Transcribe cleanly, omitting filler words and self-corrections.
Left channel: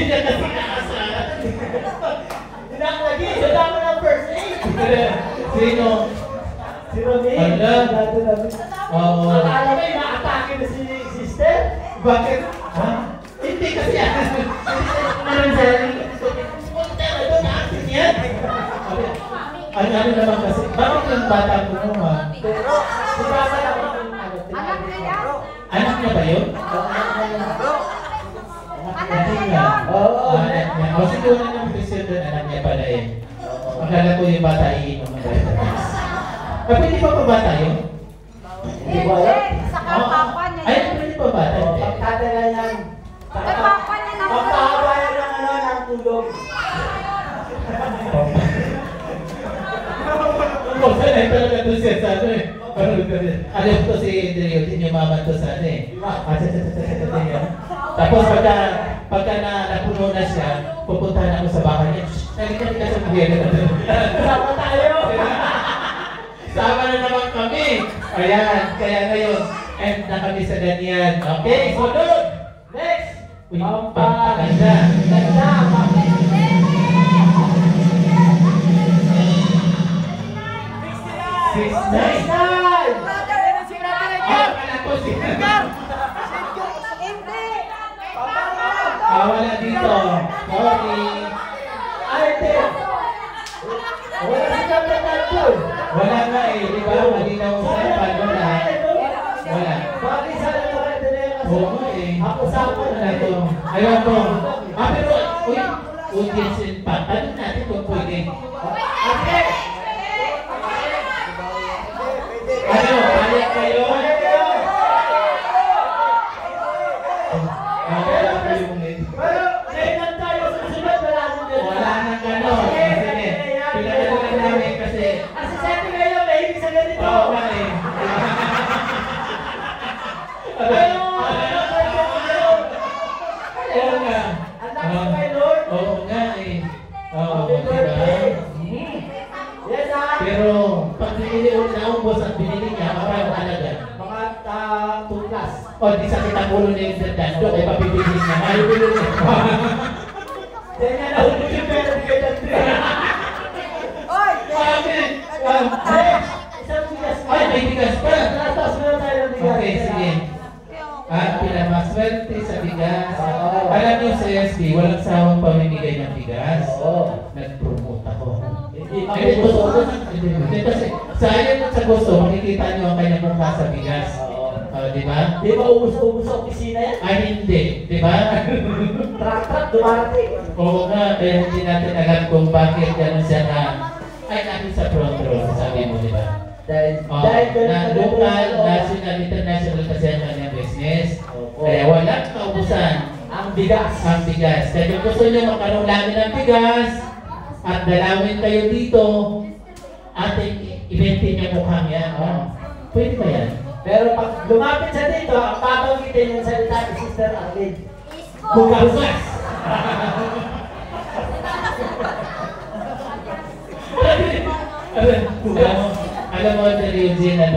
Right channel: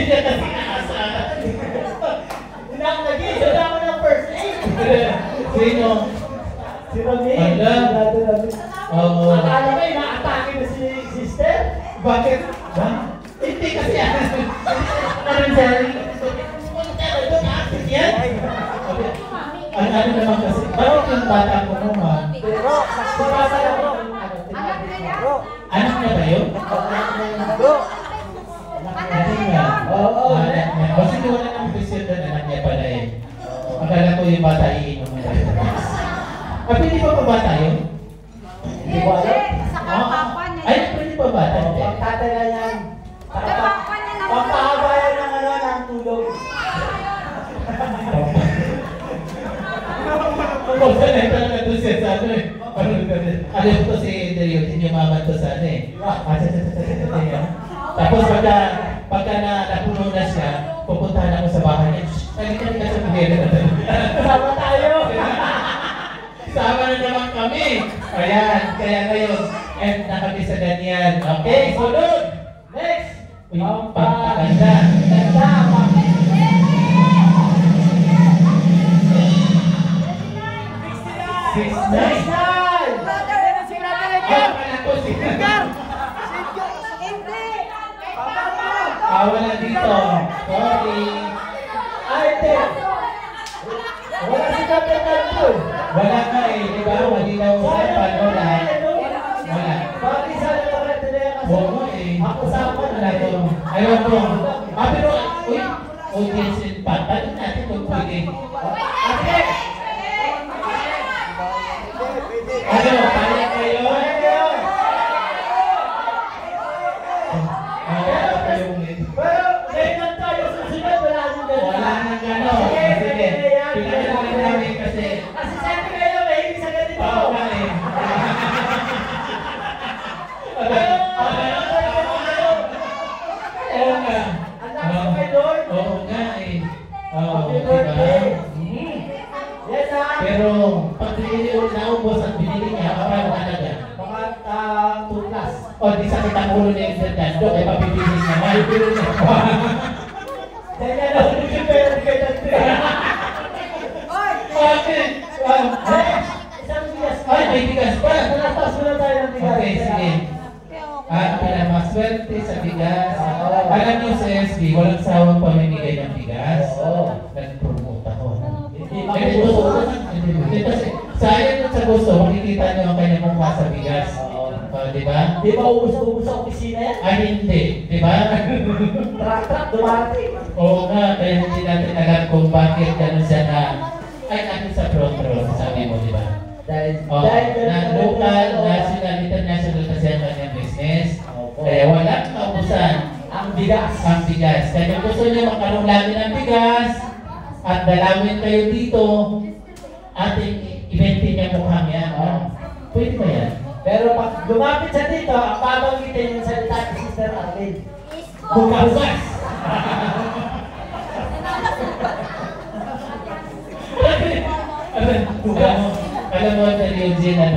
niya kasi naasahan. Wala ko ng first aid. Sino? Si Rami. Ala. Oo. Akala mo yung na-atake na si sister? Bakit? Ha? Hindi kasi yan. Naman sa ano naman kasi, bakit yung bata ko mo ha? Pero, si Papa lang ako ng Anak niya yan? Anak niya ba yun? Anak niya yun? Oo. Anak niya. O sige, wala naman pisyo doon, anak niya pala eh. Akala ko yung bata iinom ng vitamins. Pero hindi pa bata yun? Hindi ko alam. Saka papa niya Ay, yan. hindi pa bata. Hindi. Pagtatay na yan. Kay papa niya naman. Pagkahaba yan ng ano, ng tulog. Kung saan ay talaga doon siya sa ano eh. Alam ko si Andrea, tinyumaman to sa ano eh. Tapos pagka napuno na siya, pupuntahan ako sa bahay niya. Halika sa buhera na doon. Sama tayo. Sama na naman kami. Ayan, kaya ngayon, end na kami sa ganyan. Okay, sunod! Next! Uy, pagkaganda. Ganda. 6'9". Wala dito. Sorry. Ate. Wala si Captain Cartoon. Wala nga eh, di ba? Malinaw sa wala. Wala. Bakit sana nakita na yan kasi? Oo nga eh. Ako sa ako Wala to. Ayaw ko. Pero, uy, audience impact. Ano natin kung pwede? Ate. Ano, palit kayo? Wala kayong lead. Pero, kailan tayo susunod? Wala nang gano'n. Wala nang gano'n. Sige, pinagaling namin kasi. Kasi sabi kayo, may ibig sa ganito. Oo nga eh. Pero, Oo nga. ang lakas kay Lord. Oo nga eh. Oo, Happy diba? birthday. Yes, Pero, pag binili ulit na ubos at binili niya, kapag talaga. mga 2 plus. O, di sakit ang ulo niya yung dandan. Doon, ay papipilis niya. May bilo niya. Ganyan ako yung pero ganyan din. Bakit? Isang bigas pa. Ay, may bigas pa. Nataas muna tayo ng bigas. Okay, sige. Pinamaswerte sa bigas. Alam niyo sa SB, walang sawang pamimigay ng bigas. Oo. Nag-promote ako. Hindi Hindi gusto. Hindi kasi sayang sa gusto, makikita niyo ang kanyang mukha sa bigas. Di ba? Di ba ubus-ubus sa opisina yan? Ay, hindi. Di ba? Truck-truck, dumating. Oo nga, kaya hindi natin alam kung bakit gano'n siya na ay natin sa front row, sabi mo, di ba? Dahil Na local, national, international kasi ang kanyang business. Kaya walang kaubusan ang bigas. ang bigas. Kaya kung gusto niyo magkaroon lagi ng bigas at dalawin kayo dito, ating eventin niya mukhang yan. Pwede ba yan? Pero pag lumapit sa dito, ang babanggitin yung salita ni Sister Arlene. Bukas! Alam mo, Eugene, ano?